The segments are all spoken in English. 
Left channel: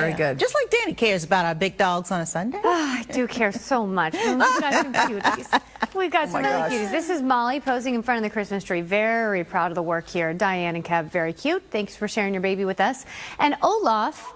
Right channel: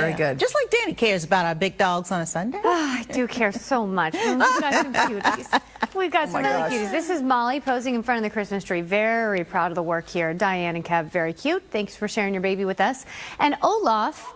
Very good. Just like Dani cares about our big dogs on a Sunday. Oh, I do care so much. We've got some cuties. We've got some really cuties. This is Molly posing in front of the Christmas tree. Very proud of the work here. Diane and Kev, very cute. Thanks for sharing your baby with us. And Olaf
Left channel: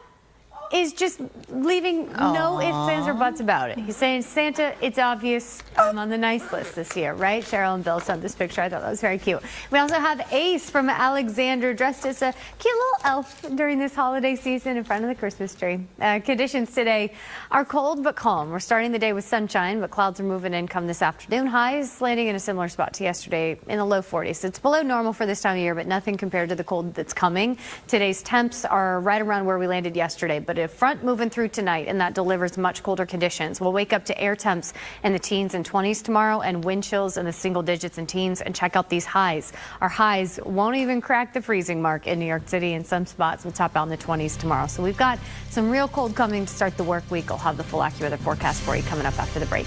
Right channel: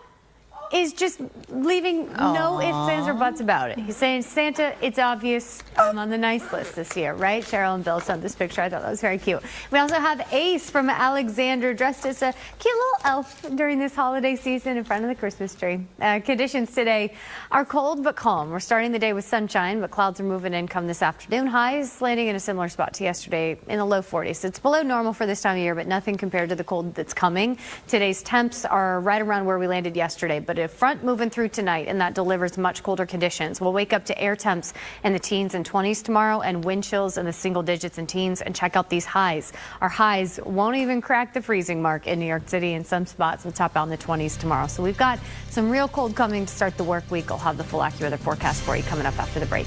is just leaving no ifs, ands, or buts about it. He's saying, Santa, it's obvious I'm on the nice list this year, right? Cheryl and Bill sent this picture. I thought that was very cute. We also have Ace from Alexander dressed as a cute little elf during this holiday season in front of the Christmas tree. Conditions today are cold but calm. We're starting the day with sunshine, but clouds are moving in come this afternoon. Highs landing in a similar spot to yesterday in the low 40s. It's below normal for this time of year, but nothing compared to the cold that's coming. Today's temps are right around where we landed yesterday, but a front moving through tonight, and that delivers much colder conditions. We'll wake up to air temps in the teens and 20s tomorrow and wind chills in the single digits and teens. And check out these highs. Our highs won't even crack the freezing mark in New York City. In some spots, we'll top out in the 20s tomorrow. So we've got some real cold coming to start the work week. I'll have the full AccuWeather forecast for you coming up after the break.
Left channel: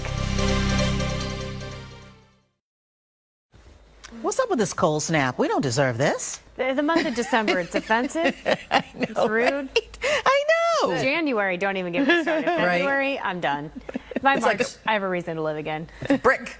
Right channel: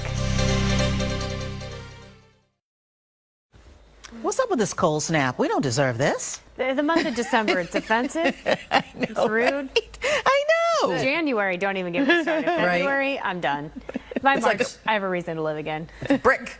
What's up with this cold snap? We don't deserve this. The month of December, it's offensive. I know, It's rude. Right? I know. January, don't even get me started. February, I'm done. By March, I have a reason to live again. It's brick.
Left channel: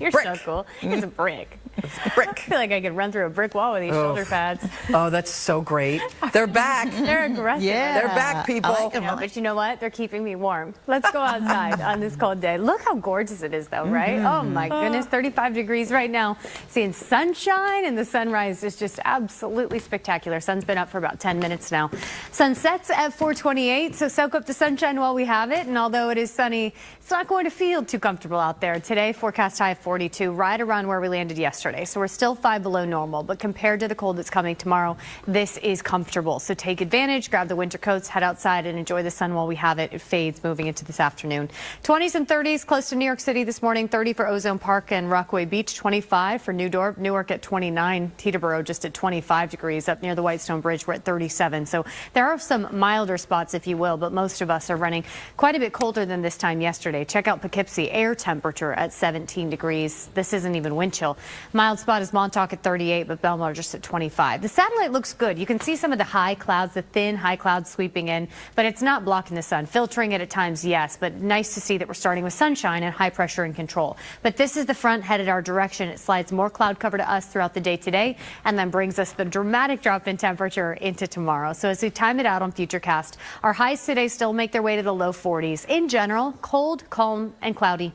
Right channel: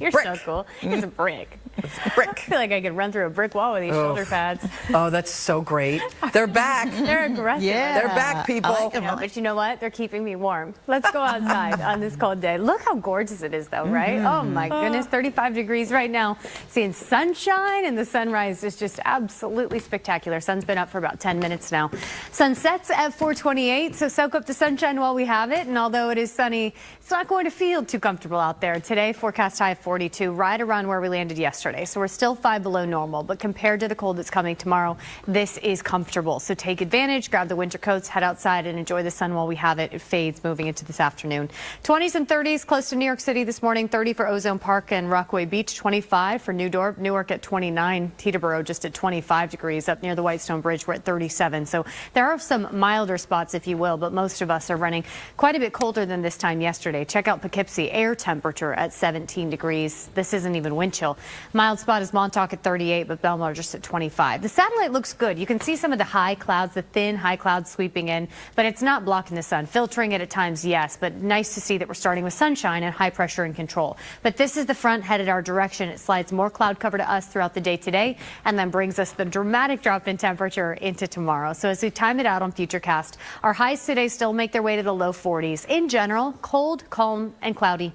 You're brick. so cool. It's a brick. It's brick. I feel like I could run through a brick wall with these shoulder pads. Oh, that's so great. They're back. They're aggressive. Yeah. They're back, people. I know, but you know what? They're keeping me warm. Let's go outside on this cold day. Look how gorgeous it is, though, right? Oh, my goodness. 35 degrees right now. Seeing sunshine, and the sunrise is just absolutely spectacular. Sun's been up for about 10 minutes now. Sun sets at 4:28, so soak up the sunshine while we have it. And although it is sunny, it's not going to feel too comfortable out there. Today, forecast high of 42, right around where we landed yesterday. So we're still 5 below normal, but compared to the cold that's coming tomorrow, this is comfortable. So take advantage, grab the winter coats, head outside and enjoy the sun while we have it. It fades moving into this afternoon. 20s and 30s close to New York City this morning, 30 for Ozone Park and Rockaway Beach, 25 for Newark at 29, Teterboro just at 25 degrees. Up near the Whitestone Bridge, we're at 37. So there are some milder spots, if you will, but most of us are running quite a bit colder than this time yesterday. Check out Poughkeepsie, air temperature at 17 degrees. This isn't even wind chill. Mild spot is Montauk at 38, but Belmar just at 25. The satellite looks good. You can see some of the high clouds, the thin high clouds sweeping in, but it's not blocking the sun. Filtering it at times, yes, but nice to see that we're starting with sunshine and high pressure and control. But this is the front headed our direction. It slides more cloud cover to us throughout the day today and then brings us the dramatic drop in temperature into tomorrow. So as we time it out on Futurecast, our highs today still make their way to the low 40s. In general, cold, calm, and cloudy.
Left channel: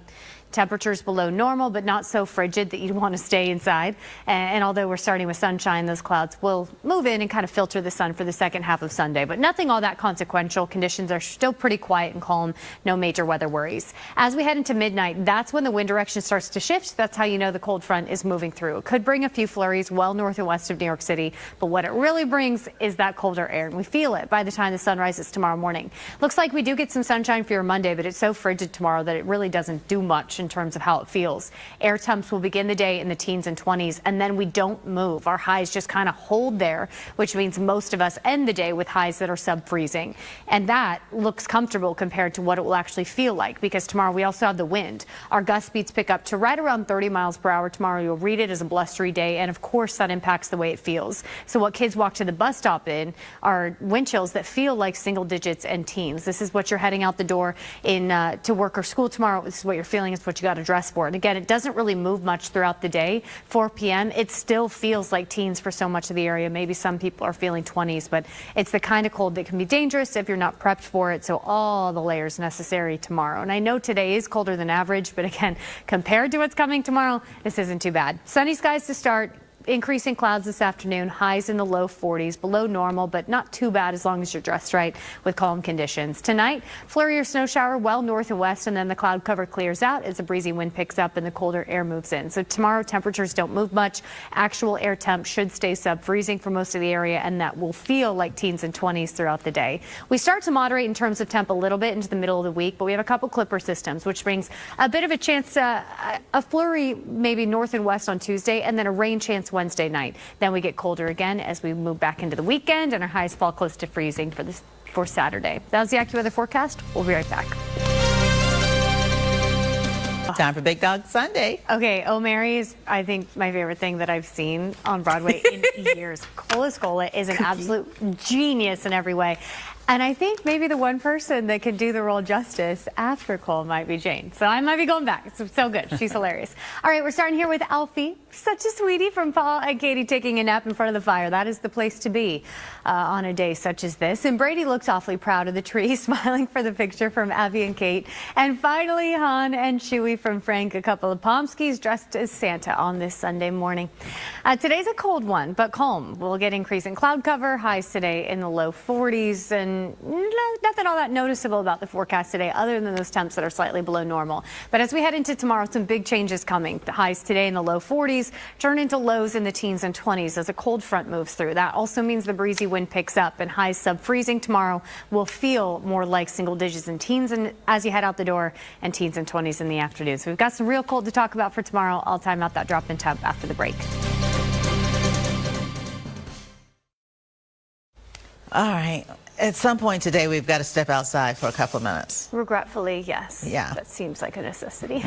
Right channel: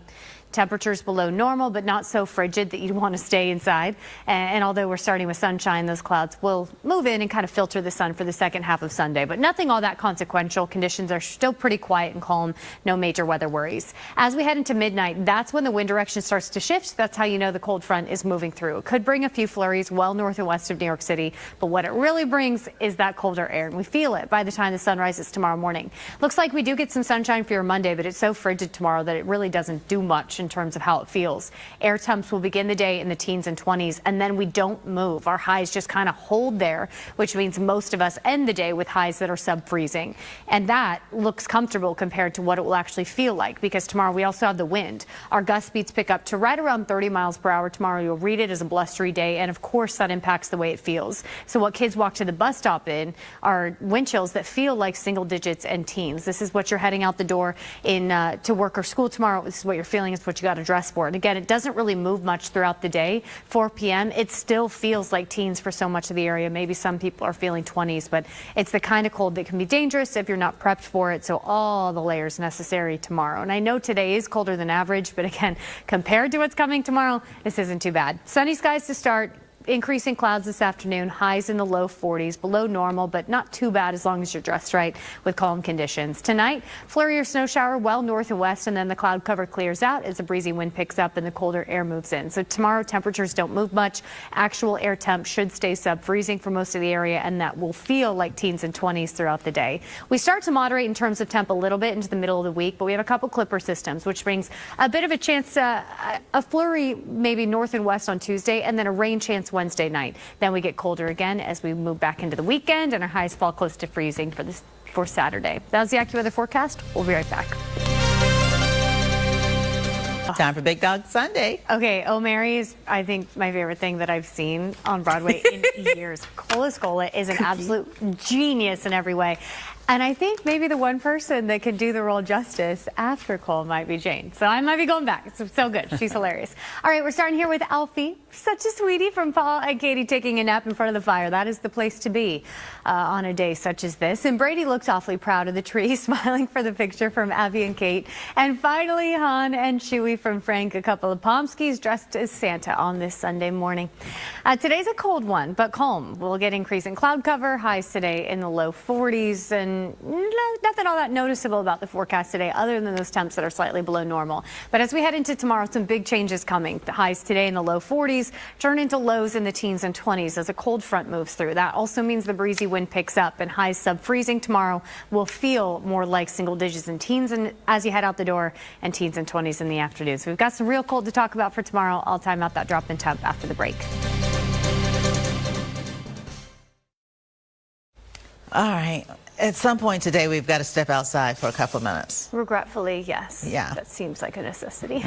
Temperatures below normal, but not so frigid that you'd want to stay inside. And although we're starting with sunshine, those clouds will move in and kind of filter the sun for the second half of Sunday. But nothing all that consequential. Conditions are still pretty quiet and calm. No major weather worries. As we head into midnight, that's when the wind direction starts to shift. That's how you know the cold front is moving through. It could bring a few flurries well north and west of New York City. But what it really brings is that colder air. And we feel it by the time the sun rises tomorrow morning. Looks like we do get some sunshine for your Monday, but it's so frigid tomorrow that it really doesn't do much in terms of how it feels. Air temps will begin the day in the teens and 20s, and then we don't move. Our highs just kind of hold there, which means most of us end the day with highs that are sub-freezing. And that looks comfortable compared to what it will actually feel like, because tomorrow we also have the wind. Our gust speeds pick up to right around 30 miles per hour tomorrow. You'll read it as a blustery day, and of course that impacts the way it feels. So what kids walk to the bus stop in are wind chills that feel like single digits and teens. This is what you're heading out the door in to work or school tomorrow. This is what you're feeling. It's what you got to dress for it. Again, it doesn't really move much throughout the day. 4 p.m., it still feels like teens for so much of the area. Maybe some people are feeling 20s, but it's the kind of cold that can be dangerous if you're not prepped for it. So all the layers necessary tomorrow. And I know today is colder than average, but again, compared to what's coming tomorrow, this isn't too bad. Sunny skies to start. Increasing clouds this afternoon, highs in the low 40s, below normal, but not too bad as long as you're dressed right with calm conditions. Tonight, flurry or snow shower well north and west, and then the cloud cover clears out as the breezy wind picks up and the colder air moves in. So tomorrow, temperatures don't move much. Actual air temp should stay sub-freezing for most of the area, and that will feel like teens and 20s throughout the day. We start to moderate in terms of temp a little bit into the middle of the week, but we have a couple clipper systems, which brings a bit of a chance to a flurry maybe north and west on Tuesday, and then a rain chance Wednesday night. Then we get colder again as we move back into the weekend, and our highs fall close to freezing for Saturday. That was the AccuWeather forecast. We'll be right back. Time for Big Dog Sunday. Okay, Oh Mary is, I think, my favorite thing that I've seen on Broadway in years. Cola Scola is an absolute genius in every way. And I think maybe the one person that could do the role justice after Cole might be Jane. So I might be going back. It's so good. She's hilarious. All right, we're starting here with Alfie. Such a sweetie from Paul and Katie taking a nap in front of the fire. That is the place to be on a day such as this. And Brady looks awfully proud of the tree, smiling for the picture from Abby and Kate. And finally, Han and Chewy from Frank, a couple of Pomskis dressed as Santa on this Sunday morning. Today's a cold one, but calm. We'll get increasing cloud cover, highs today in the low 40s, and nothing all that noticeable about the forecast today other than those temps that are slightly below normal. But as we head into tomorrow, some big changes coming. The highs today in the low 40s turn into lows in the teens and 20s as a cold front moves through. That also means the breezy wind picks up, and highs sub-freezing tomorrow will feel more like single digits in teens and as you head out the door, and teens and 20s in the afternoon. So we've got some real cold to talk about for tomorrow. I'll time out that drop in temp after the break. All right. At some point today, we've got to step outside for a couple of minutes. Regretfully, yes. Yeah. That seems like a necessity.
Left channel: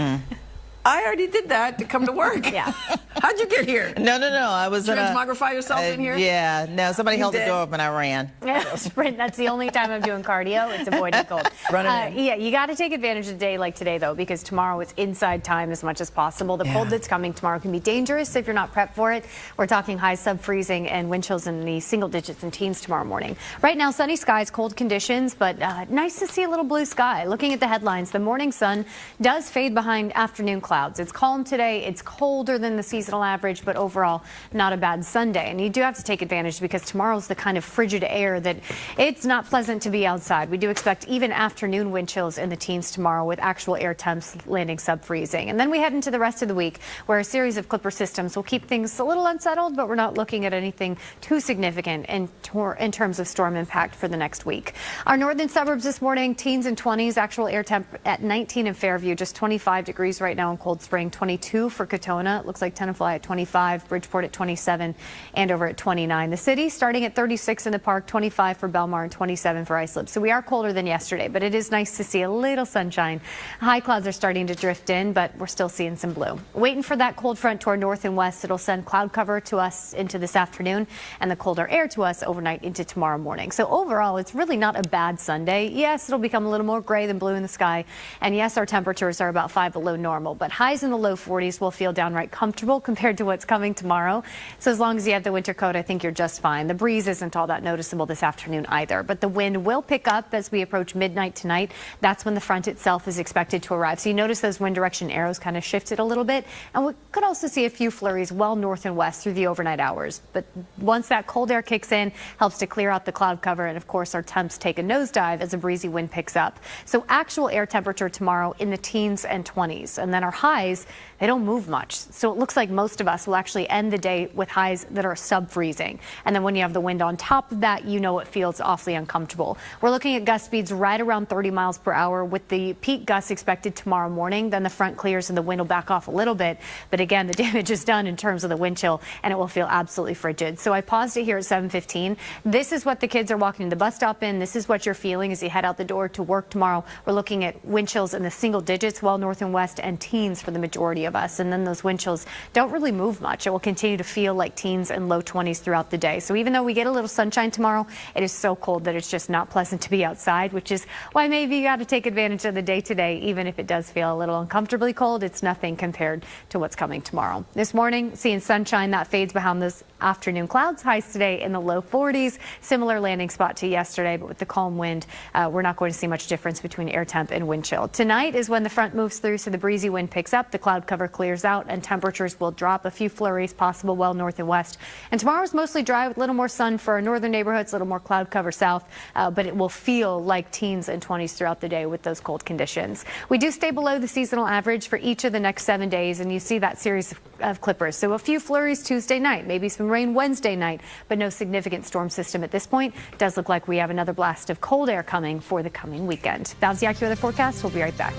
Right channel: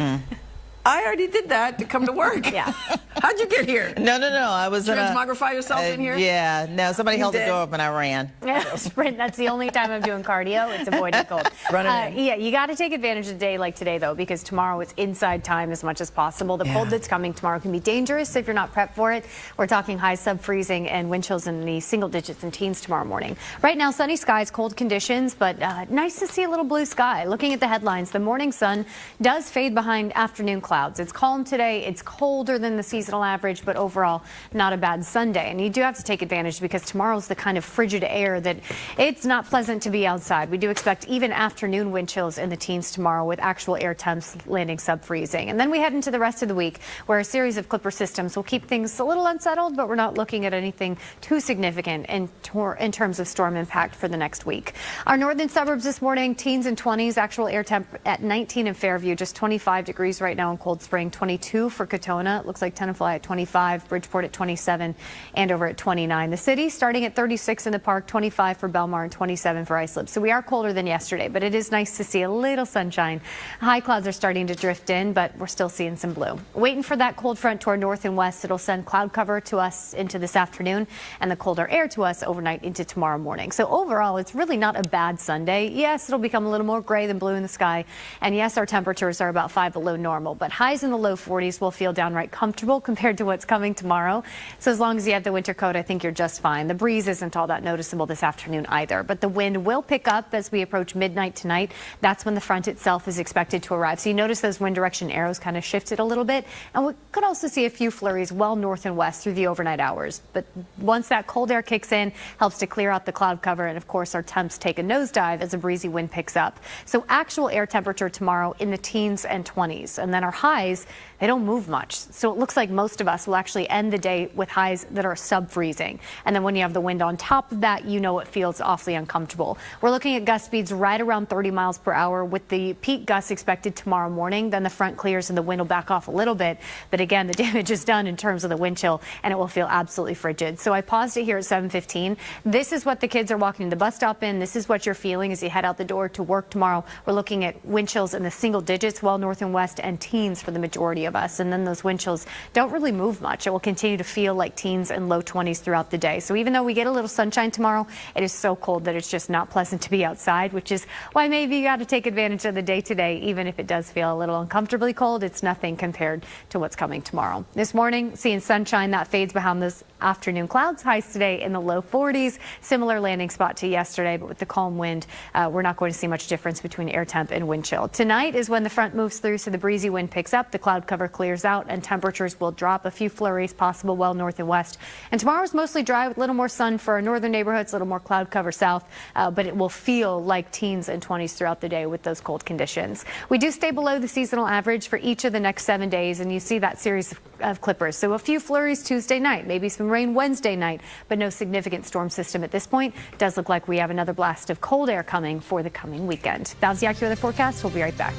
I already did that to come to work. Yeah. How'd you get here? No. I was Transmogrify yourself in here? Yeah. No, somebody held the did? door open. I ran. Sprint. That's the only time I'm doing cardio. It's avoiding cold. Running in. Yeah, you got to take advantage of a day like today, though, because tomorrow it's inside time as much as possible. The cold that's coming tomorrow can be dangerous if you're not prepped for it. We're talking high sub-freezing and wind chills in the single digits and teens tomorrow morning. Right now, sunny skies, cold conditions, but nice to see a little blue sky. Looking at the headlines, the morning sun does fade behind afternoon clouds. It's calm today. It's colder than the seasonal average, but overall not a bad Sunday. And you do have to take advantage because tomorrow's the kind of frigid air that it's not pleasant to be outside. We do expect even afternoon wind chills in the teens tomorrow with actual air temps landing sub-freezing. And then we head into the rest of the week where a series of Clipper systems will keep things a little unsettled, but we're not looking at anything too significant in terms of storm impact for the next week. Our northern suburbs this morning, teens and 20s, actual air temp at 19 in Fairview, just 25 degrees right now in Cold Spring. 22 for Katona. It looks like Tenafly at 25, Bridgeport at 27, Andover at 29. The city starting at 36 in the park, 25 for Belmar, and 27 for Islip. So we are colder than yesterday, but it is nice to see a little sunshine. High clouds are starting to drift in, but we're still seeing some blue. Waiting for that cold front to our north and west. It'll send cloud cover to us into this afternoon and the colder air to us overnight into tomorrow morning. So overall, it's really not a bad Sunday. Yes, it'll become a little more gray than blue in the sky. And yes, our temperatures are about 5 below normal, but highs in the low 40s will feel downright comfortable compared to what's coming tomorrow. So as long as you have the winter coat, I think you're just fine. The breeze isn't all that noticeable this afternoon either, but the wind will pick up as we approach midnight tonight. That's when the front itself is expected to arrive. So you notice those wind direction arrows kind of shifted a little bit, and we could also see a few flurries well north and west through the overnight hours. But once that cold air kicks in, helps to clear out the cloud cover, and of course our temps take a nosedive as a breezy wind picks up. So actual air temperature tomorrow in the teens and 20s, and then our highs, they don't move much. So it looks like most of us will actually end the day with highs that are sub-freezing. And then when you have the wind on top of that, you know it feels awfully uncomfortable. We're looking at gust speeds right around 30 miles per hour with the peak gusts expected tomorrow morning. Then the front clears and the wind will back off a little bit. But again, the damage is done in terms of the wind chill, and it will feel absolutely frigid. So I paused it here at 7:15. This is what the kids are walking to the bus stop in. This is what you're feeling as you head out the door to work tomorrow. We're looking at wind chills in the single digits, well north and west, and teens for the majority of us. And then those wind chills don't really move much. It will continue to feel like teens and low 20s throughout the day. So even though we get a little sunshine tomorrow, it is so cold that it's just not pleasant to be outside, which is why maybe you got to take advantage of the day today. Even if it does feel a little uncomfortably cold, it's nothing compared to what's coming tomorrow. This morning, seeing sunshine that fades behind those afternoon clouds. Highs today in the low 40s. Similar landing spot to yesterday, but with the calm wind, we're not going to see much difference between air temp and wind chill. Tonight is when the front moves through, so the breezy wind picks up, the cloud cover clears out, and temperatures will drop. A few flurries possible well north and west. And tomorrow's mostly dry with a little more sun for our northern neighborhoods, a little more cloud cover south, but it will feel like teens and 20s throughout the day with those cold conditions. We do stay below the seasonal average for each of the next 7 days, and you see that series of clippers. So a few flurries Tuesday night, maybe some rain Wednesday night, but no significant storm system at this point. It does look like we have another blast of cold air coming for the coming weekend. That's the AccuWeather forecast. We'll be right back.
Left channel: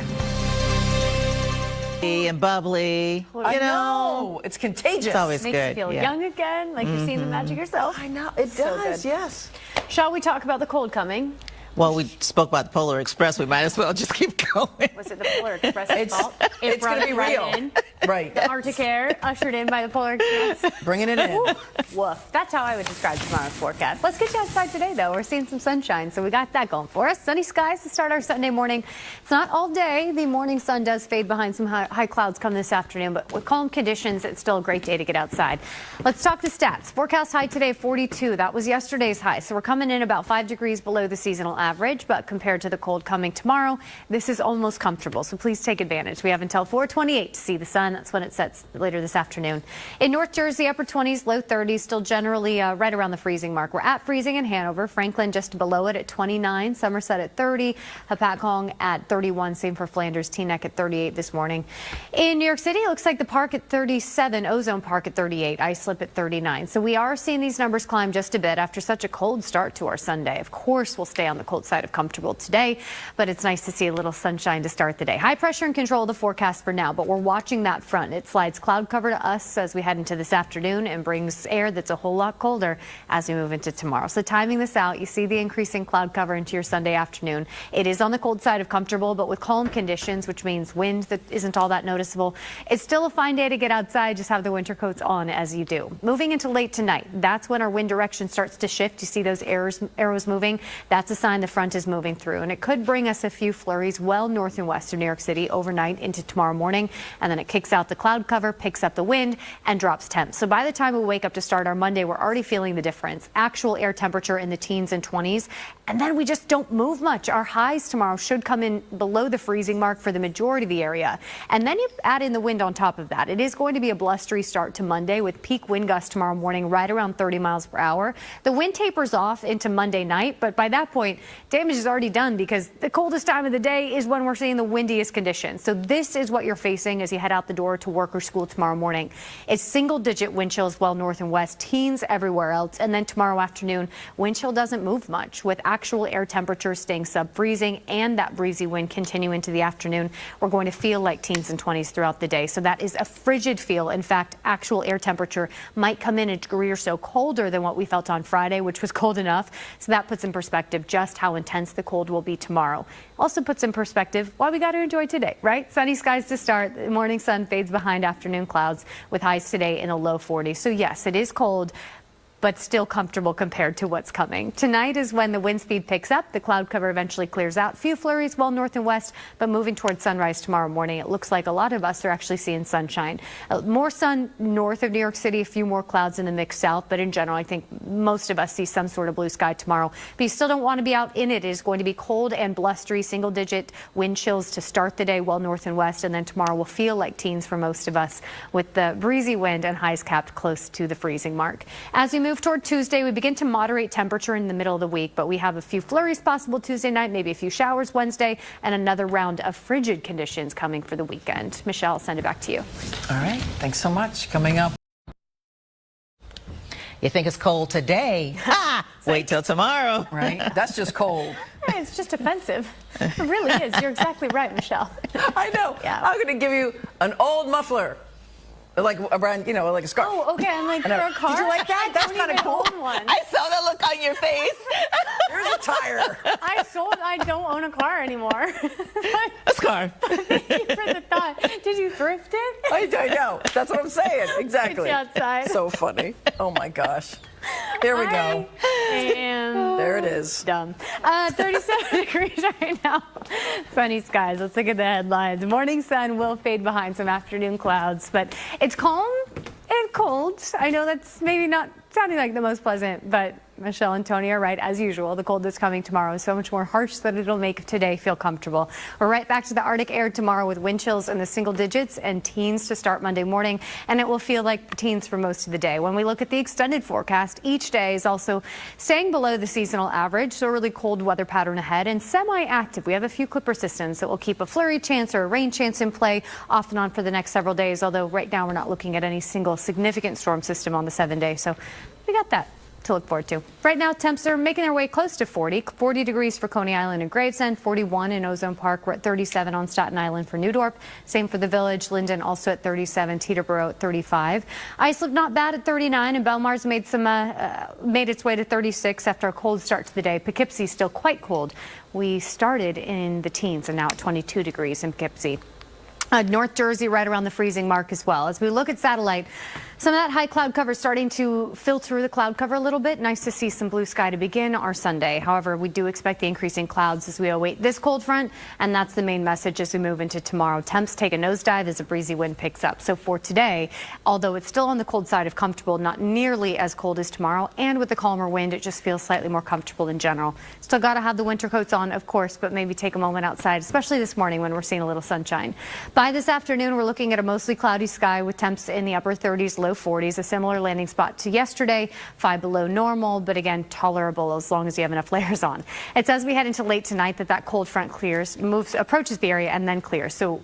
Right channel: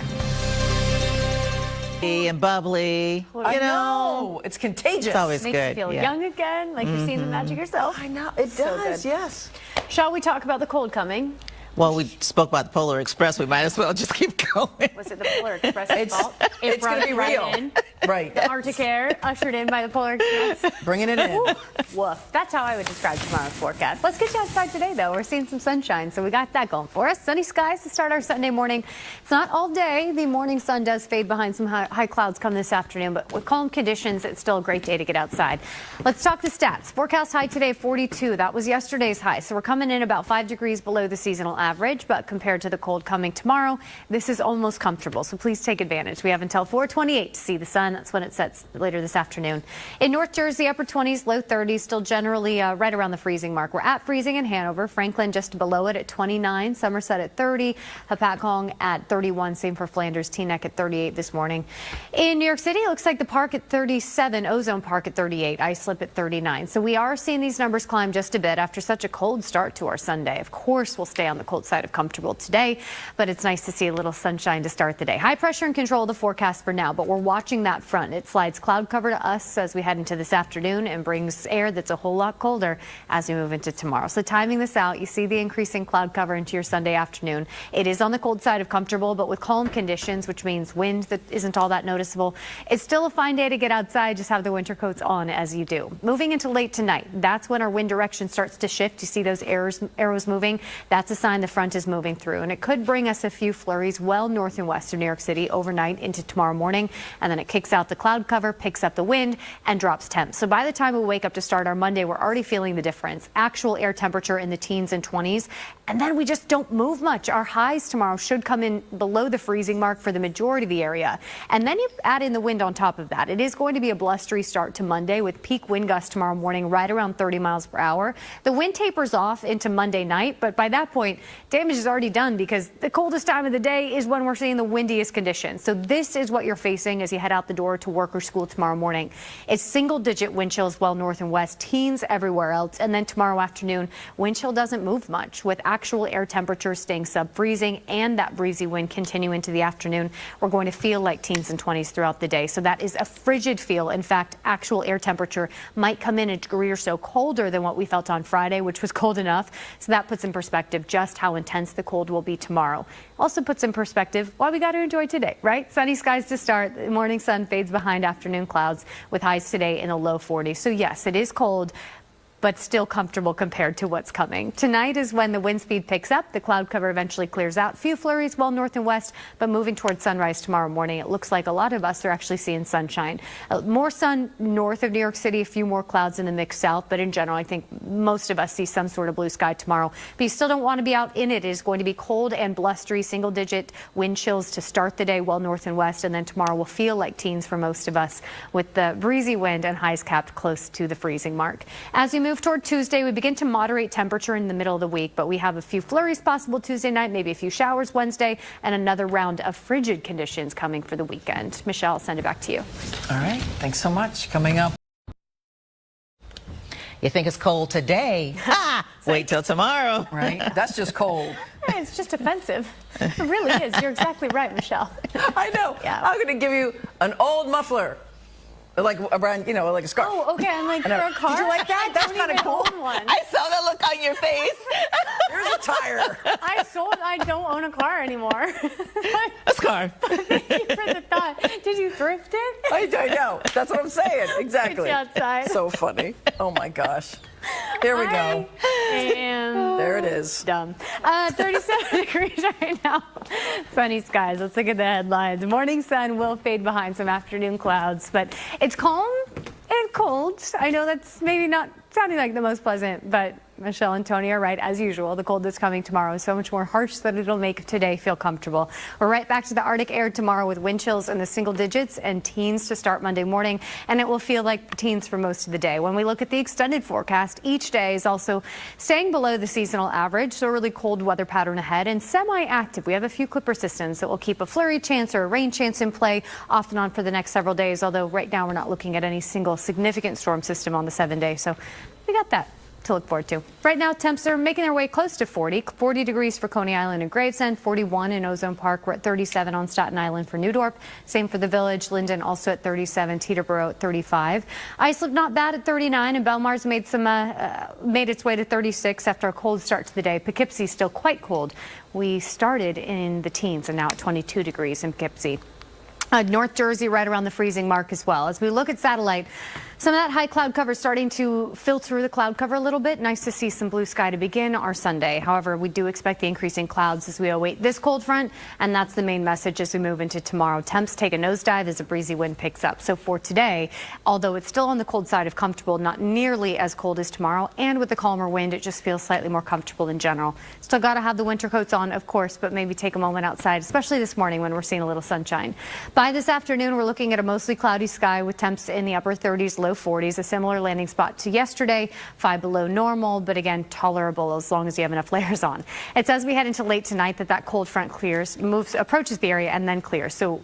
And bubbly. I know. It's contagious. It's always Makes good. you feel yeah. young again, like you're seeing the magic yourself. I know. It So does, good. yes. Shall we talk about the cold coming? Well, we spoke about the Polar Express. We might as well just keep going. Was it the Polar Express's fault? It It's going brought to be it right real. in. Right. The Arctic air ushered in by the polar expanse. Bringing it in. Woof. That's how I would describe tomorrow's forecast. Let's get you outside today, though. We're seeing some sunshine, so we got that going for us. Sunny skies to start our Sunday morning. It's not all day. The morning sun does fade behind some high clouds come this afternoon, but with calm conditions, it's still a great day to get outside. Let's talk the stats. Forecast high today, 42. That was yesterday's high, so we're coming in about 5 degrees below the seasonal average, but compared to the cold coming tomorrow, this is almost comfortable, so please take advantage. We have until 4:28 to see the sun. That's when it sets later this afternoon. In North Jersey, upper 20s, low 30s, still generally right around the freezing mark. We're at freezing in Hanover, Franklin just below it at 29, Somerset at 30, Hapatcong at 31, same for Flanders, Teaneck at 38 this morning. In New York City, it looks like the Park at 37, Ozone Park at 38, Islip at 39. So we are seeing these numbers climb just a bit after such a cold start to our Sunday. Of course, we'll stay on the cold side of comfortable today, but it's nice to see a little sunshine to start the day. High pressure and control of the forecast for now, but we're watching that front. It slides cloud cover to us as we head into this afternoon and brings air that's a whole lot colder as we move into tomorrow. So timing this out, you see the increasing cloud cover into your Sunday afternoon. It is on the cold side of comfortable, but with calm conditions, which means wind that isn't all that noticeable. It's still a fine day to get outside. Just have the winter coats on as you do. Moving into late tonight, that's when our wind direction starts to shift. You see those arrows moving? That's a sign the front is moving through, and it could bring us a few flurries well north and west of New York City overnight into tomorrow morning, and then it kicks out the cloud cover, picks up the wind, and drops temps. So by the time we wake up to start our Monday, we're already feeling the difference. Actual air temperature in the teens and 20s, and then we just don't move much. Our highs tomorrow should come in below the freezing mark for the majority of the area, and then you add in the wind on top of that. It is going to be a blustery start to Monday with peak wind gusts tomorrow morning right around 30 miles per hour. The wind tapers off into Monday night, but by that point, damage is already done because the coldest time of the day is when we're seeing the windiest conditions. So this is what you're facing as you head out the door to work or school tomorrow morning. It's single-digit wind chills well north and west, teens everywhere else, and then tomorrow afternoon, wind chill doesn't move much with actual air temperatures staying sub-freezing and that breezy wind continue into the afternoon. We're going to feel like teens and 20s throughout the day. So that is a frigid feel. In fact, actual air temperature might come in a degree or so colder than what we felt on Friday, which was cold enough. So that puts in perspective just how intense the cold will be tomorrow. Also puts in perspective why we got to enjoy today, right? Sunny skies to start. The morning sun fades behind afternoon clouds with highs today in the low 40s. So yes, it is cold, but still comfortable compared to what's coming. Tonight is when the wind speed picks up. The cloud cover eventually clears out. Few flurries well north and west, but moving towards sunrise tomorrow morning, it looks like a lot of us are actually seeing sunshine. More sun north of New York City, a few more clouds in the mix south, but in general, I think most of us see some sort of blue sky tomorrow. But you still don't want to be out in it. It is going to be cold and blustery, single-digit wind chills to start the day well north and west, and then tomorrow will feel like teens for most of us with the breezy wind and highs capped close to the freezing mark. As we move toward Tuesday, we begin to moderate temperature in the middle of the week, but we have a few flurries possible Tuesday night, maybe a few showers Wednesday, and another round of frigid conditions coming for the weekend. Michelle, I'll send it back to you. All right. Thanks so much. Coming up. You think it's cold today? Wait till tomorrow. Right? That's just cold. It's just offensive. It really is. You're exactly right, Michelle. I know. Yeah. I'm going to give you an old muffler. Like around, like a scarf. Oh, okay. I'm like, I know. for a car? Did you like that? That's kind of cool. One. I saw the look on your face. Here's a tire. I don't own a car anymore. A scarf. Thank you for the thought. Did you thrift it? I know. That's what I'm saying. Exactly. Get you outside. So funny. Oh my gosh. Here we go. And There it is. dumb. 37 degrees right now. Sunny skies. Let's look at the headlines. Morning sun will fade behind some afternoon clouds, but it's calm and cold. I know that's maybe not sounding like the most pleasant, but Michelle and Tony are right, as usual. The cold that's coming tomorrow is so much more harsh that it'll make today feel comfortable. We're right back to the Arctic air tomorrow with wind chills in the single digits and teens to start Monday morning, and it will feel like teens for most of the day. When we look at the extended forecast, each day is also staying below the seasonal average, so a really cold weather pattern ahead and semi-active. We have a few clipper systems that will keep a flurry chance or a rain chance in play off and on for the next several days, although right now we're not looking at any single significant storm system on the 7-day, so we got that to look forward to. Right now, temps are making their way close to 40 degrees for Coney Island and Gravesend, 41 in Ozone Park. We're at 37 on Staten Island for New Dorp. Same for the Village. Linden also at 37, Teterboro at 35. Islip not bad at 39, and Belmar's made its way to 36 after a cold start to the day. Poughkeepsie's still quite cold. We started in the teens and now at 22 degrees in Poughkeepsie. North Jersey right around the freezing mark as well. As we look at satellite, some of that high cloud cover starting to filter through the cloud cover a little bit. Nice to see some blue sky to begin our Sunday. However, we do expect the increasing clouds as we await this cold front, and that's the main message as we move into tomorrow. Temps take a nosedive as a breezy wind picks up. So for today, although it's still on the cold side of comfortable, not nearly as cold as tomorrow, and with the calmer wind, it just feels slightly more comfortable in general. Still got to have the winter coats on, of course, but maybe take a moment outside, especially this morning when we're seeing a little sunshine. By this afternoon, we're looking at a mostly cloudy sky with temps in the upper 30s, low 40s, a similar landing spot to yesterday, 5 below normal, but again, tolerable as long as you have enough layers on. It's as we head into late tonight that cold front clears, approaches the area and then clears. So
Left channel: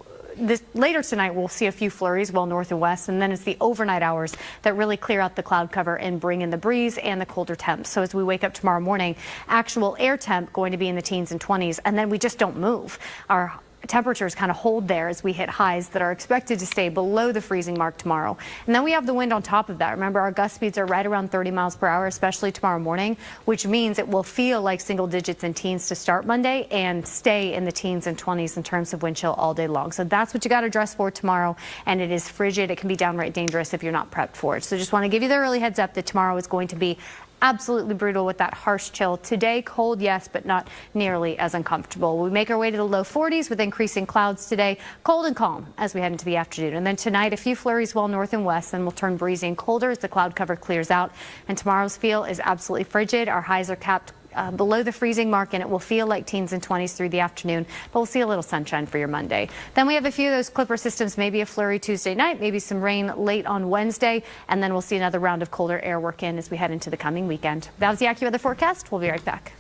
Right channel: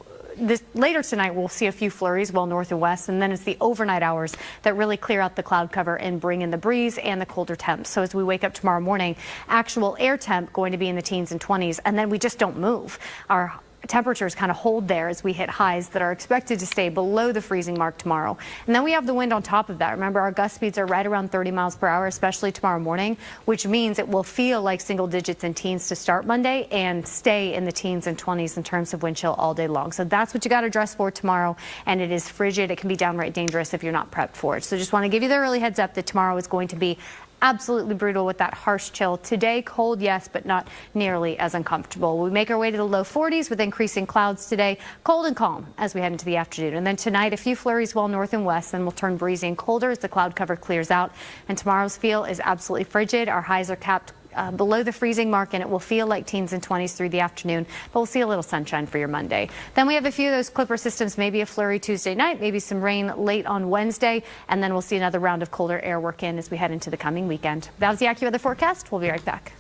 later tonight, we'll see a few flurries well north and west, and then it's the overnight hours that really clear out the cloud cover and bring in the breeze and the colder temps. So as we wake up tomorrow morning, actual air temp going to be in the teens and 20s, and then we just don't move. Our temperatures kind of hold there as we hit highs that are expected to stay below the freezing mark tomorrow. And then we have the wind on top of that. Remember, our gust speeds are right around 30 miles per hour, especially tomorrow morning, which means it will feel like single digits and teens to start Monday and stay in the teens and 20s in terms of wind chill all day long. So that's what you got to dress for tomorrow. And it is frigid. It can be downright dangerous if you're not prepped for it. So just want to give you the early heads up that tomorrow is going to be absolutely brutal with that harsh chill. Today, cold, yes, but not nearly as uncomfortable. We make our way to the low 40s with increasing clouds today. Cold and calm as we head into the afternoon. And then tonight, a few flurries well north and west, and we'll turn breezy and colder as the cloud cover clears out. And tomorrow's feel is absolutely frigid. Our highs are capped below the freezing mark, and it will feel like teens and 20s through the afternoon, but we'll see a little sunshine for your Monday. Then we have a few of those clipper systems, maybe a flurry Tuesday night, maybe some rain late on Wednesday, and then we'll see another round of colder air work in as we head into the coming weekend. That was the AccuWeather forecast. We'll be right back.